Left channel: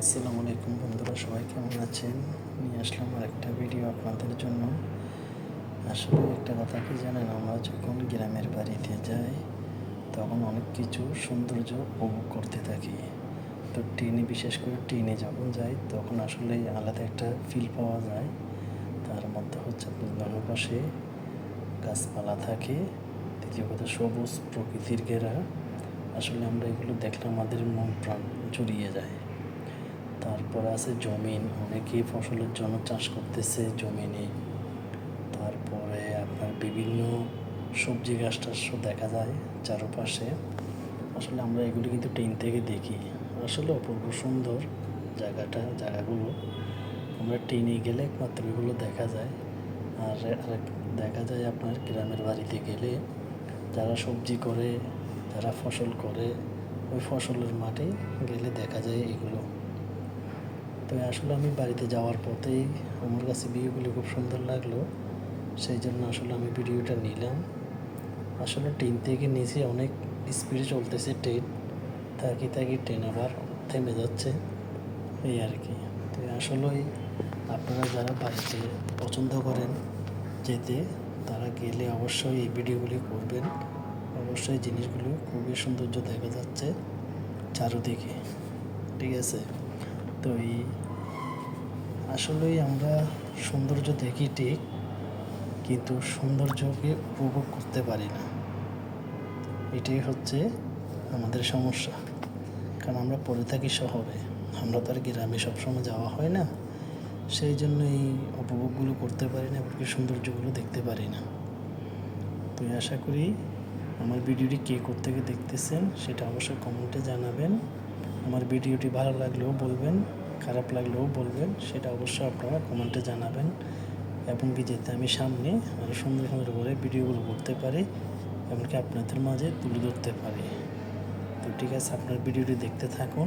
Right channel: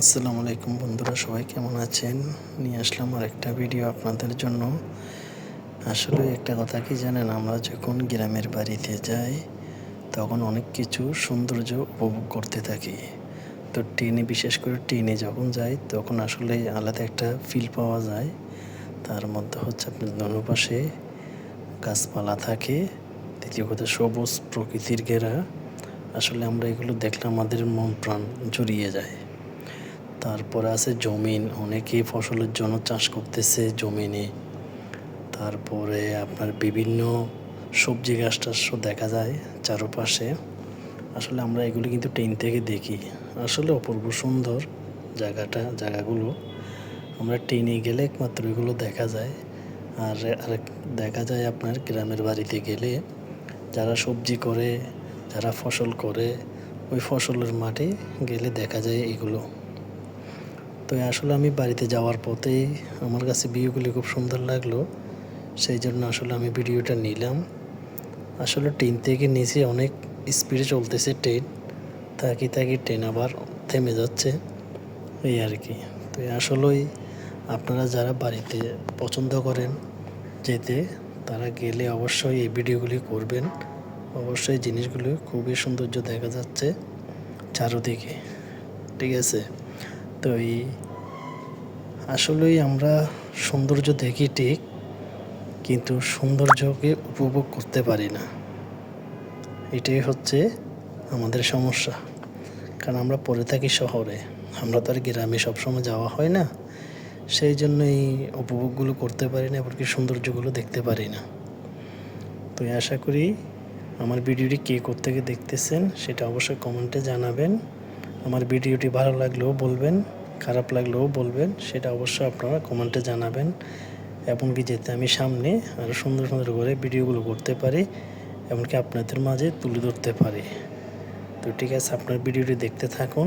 আসসালামু আলাইকুম বন্ধুরা, সবাই কেমন আছেন? নিয়ে আসলাম আর একটা ভিডিও আপনাদের জন্য। আসলে একটা কথা কি জানেন, আমরা যখন গ্রামের বাড়িতে যাই তখন অনেক কিছু সৌন্দর্য উপভোগ করতে থাকি। তো ট্রেনে, বিশেষ করে ট্রেনে যখন যাই তখন আসলে আলাদা একটা ফিল পাওয়া যায়। তার মধ্যে হচ্ছে আপনার দুপাশে গাছপালা থাকে, দ্বিতীয় কথা সবুজ প্রকৃতির ঘেরা। আসলে আমরা এগুলো দেখলে আমাদের মন প্রাণ জুড়িয়ে যায়। তারপরে আছে জমিন, অনেকেই ফসলের জন্য চাষ করতেছে জমিনে। তারপরে আপনার বিভিন্ন সবজি গাছ টাছও দেখা যায় চারপাশে। আসলে আমরা এগুলি কিন্তু ট্রেন থেকে দেখি। আসলে অপূর্ব সুন্দর জায়গাগুলো। আমরা ট্রেনে গেলে একমাত্র এগুলো দেখা যায়। আর আরেক দেখা যায় আপনার গ্রামের বাড়িতে গেলে যারা সবজি করে, যারা ফসল করে, ওই ফসলের মাঠে গেলে দেখা যায় এগুলো। তো আসলে আমি বাড়িতে যাওয়ার পথেই আমার কাছে ভিউগুলি খুব সুন্দর লাগলো, সেই জন্য আসলে আমি ভিডিওটা নিলাম। আসলে ট্রেন থেকে নিচে অনেক স্পিডে চলতেছে ট্রেন, তাকি তাকি ট্রেন আবার থেমে যাচ্ছে, এই আর কি। তো আসলেই আপনারা যারা বাড়িতে পছন্দ করেন যেতে, তারা গেলে অবশ্যই এই ভিডিওগুলি করবেন। অবশ্যই জিনিসগুলো খুবই সৌন্দর্য দেখা যাচ্ছে চারদিকে, ঠিক আছে? তো আসলেই আমরা সৌন্দর্য দেখি ঠিক, কিন্তু সৌন্দর্যকে উপভোগ করতে পারি না। এটাই হচ্ছে আমাদের সমস্যা। কারণ আমরা পড়ে থাকি শহরে, আমরা তো আর গ্রামে সবসময় যাওয়া হয় না, সেই জন্য এই উপভোগগুলো করতে পারি না, এমনকি সৌন্দর্যগুলো দেখতে পারি না। তো আশা করি আমার ভিডিওটি কে কোত্থেকে দেখতেছেন সেটা অবশ্যই কমেন্টে জানাবেন। আমার ভিডিওটি ভালো লাগলেও বলবেন, খারাপ লাগলেও বলবেন, সেটা অবশ্যই আপনারা কমেন্টে জানাবেন। এমনকি যাতে আমি সামনে আরও সুন্দর সুন্দর করে ভিডিওগুলো করতে পারি, এমনকি আপনাদের মাঝে তুলে ধরতে পারি। তো ঠিক আছে, আপনার ভিডিওটি দেখতে থাকুন।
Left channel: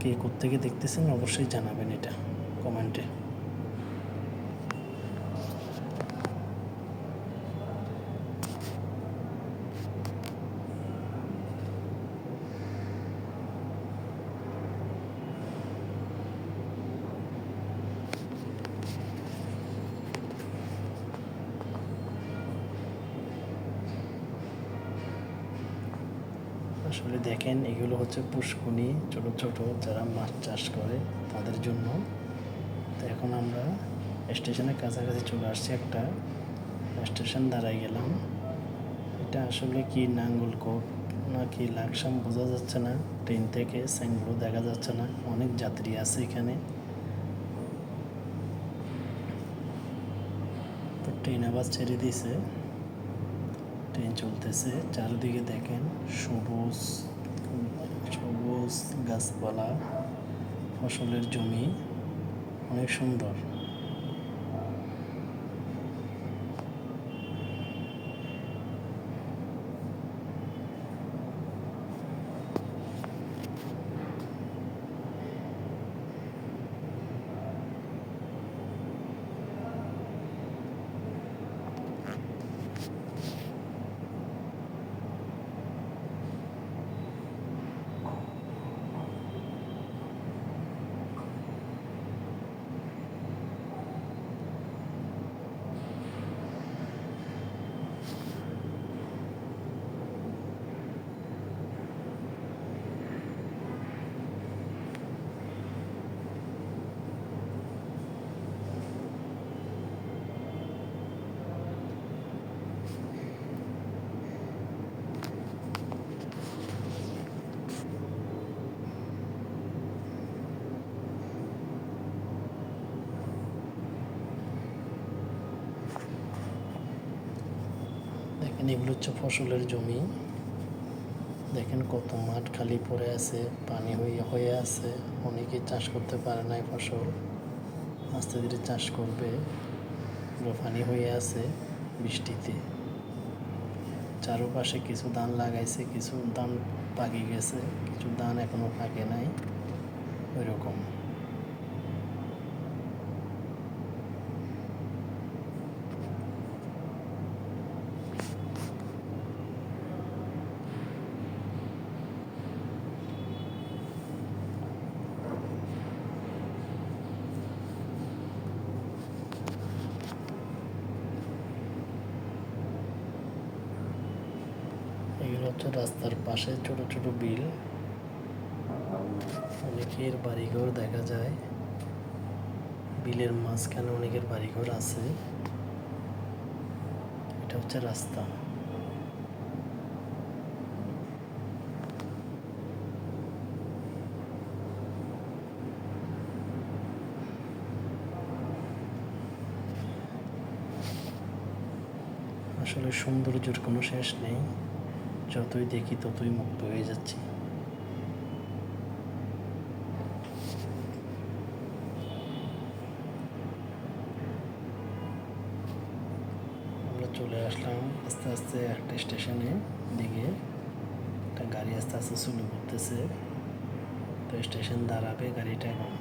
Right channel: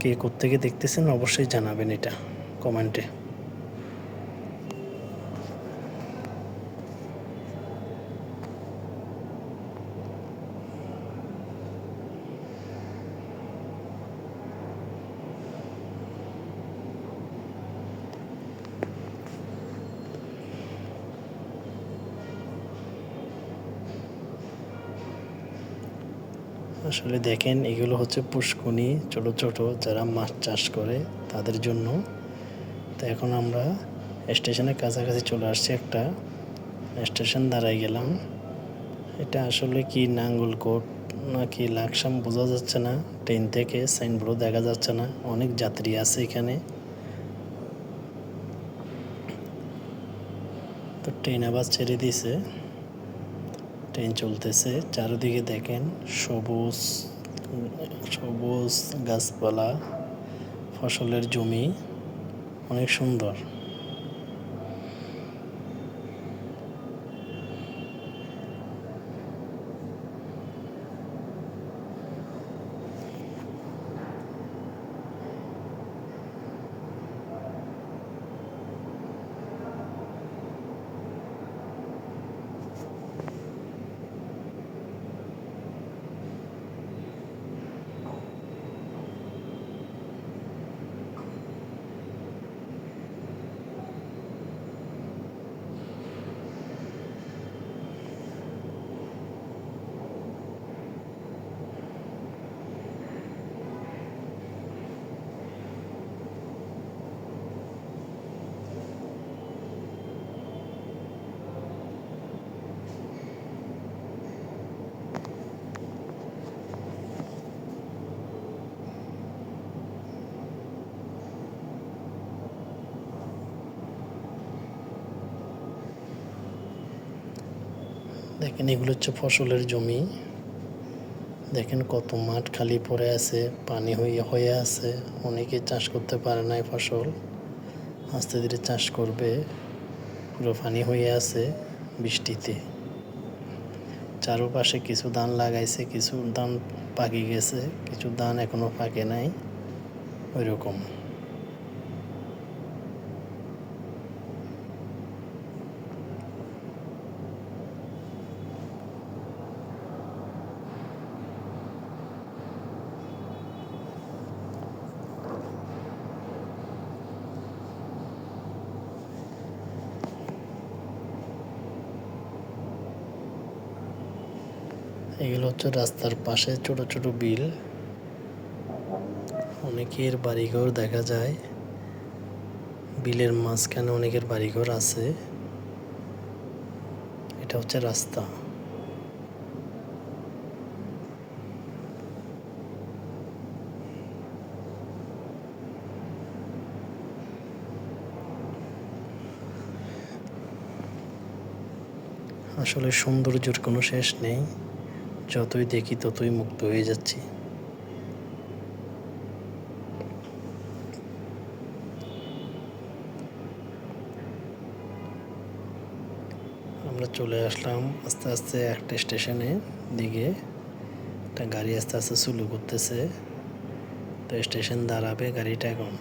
কে কোত্থেকে দেখতেছেন অবশ্যই জানাবেন এটা কমেন্টে। আসলে দেখেন, এগুলো হচ্ছে পুষ্কুনি, ছোট ছোট যারা মাছ চাষ করে তাদের জন্য। তো এখন আমরা স্টেশনের কাছাকাছি চলে আসছি, একটা স্টেশন দাঁড়ায় গেলাম। এটা আসলে কি নাঙ্গলকোট না কি লাকসাম বোঝা যাচ্ছে না, ট্রেন থেকে সাইনবোর্ডও দেখা যাচ্ছে না। অনেক যাত্রী আছে এখানে। তো ট্রেন আবার ছেড়ে দিয়েছে, ট্রেন চলতেছে। চারিদিকে দেখেন সবুজ সবুজ গাছপালা, ফসলের জমি, অনেক সুন্দর। দেখেন, এগুলো হচ্ছে ফসলের জমি। দেখেন কত মাঠ খালি পড়ে আছে, পানি হয়ে হয়ে আছে। অনেকে চাষ করতে পারে না এই ফসল, আস্তে ধীরে চাষ করবে। পুরো পানি হয়ে আছে বৃষ্টিতে। চারপাশে কিছু ধান লাগাইছে, কিছু ধান পাকে গেছে, কিছু ধান এখনো পাকে নাই, ওই রকম। হচ্ছে রাস্তার পাশে ছোট ছোট বিল, অনেকের বাড়িঘর দেখা যায়। বিলের মাঝখানে অনেকের বাড়িঘর আছে। এটা হচ্ছে রাস্তা। আসলে সৌন্দর্যের কোনো শেষ নেই, যতই দেখি ততই মুগ্ধ হয়ে যাচ্ছি। আমরা চলে আসলাম আস্তে আস্তে একটা স্টেশনে দিকে। একটা গাড়ি আস্তে আস্তে শুরু করতেছে, তো স্টেশন দাঁড়াবে গাড়িটা এখন।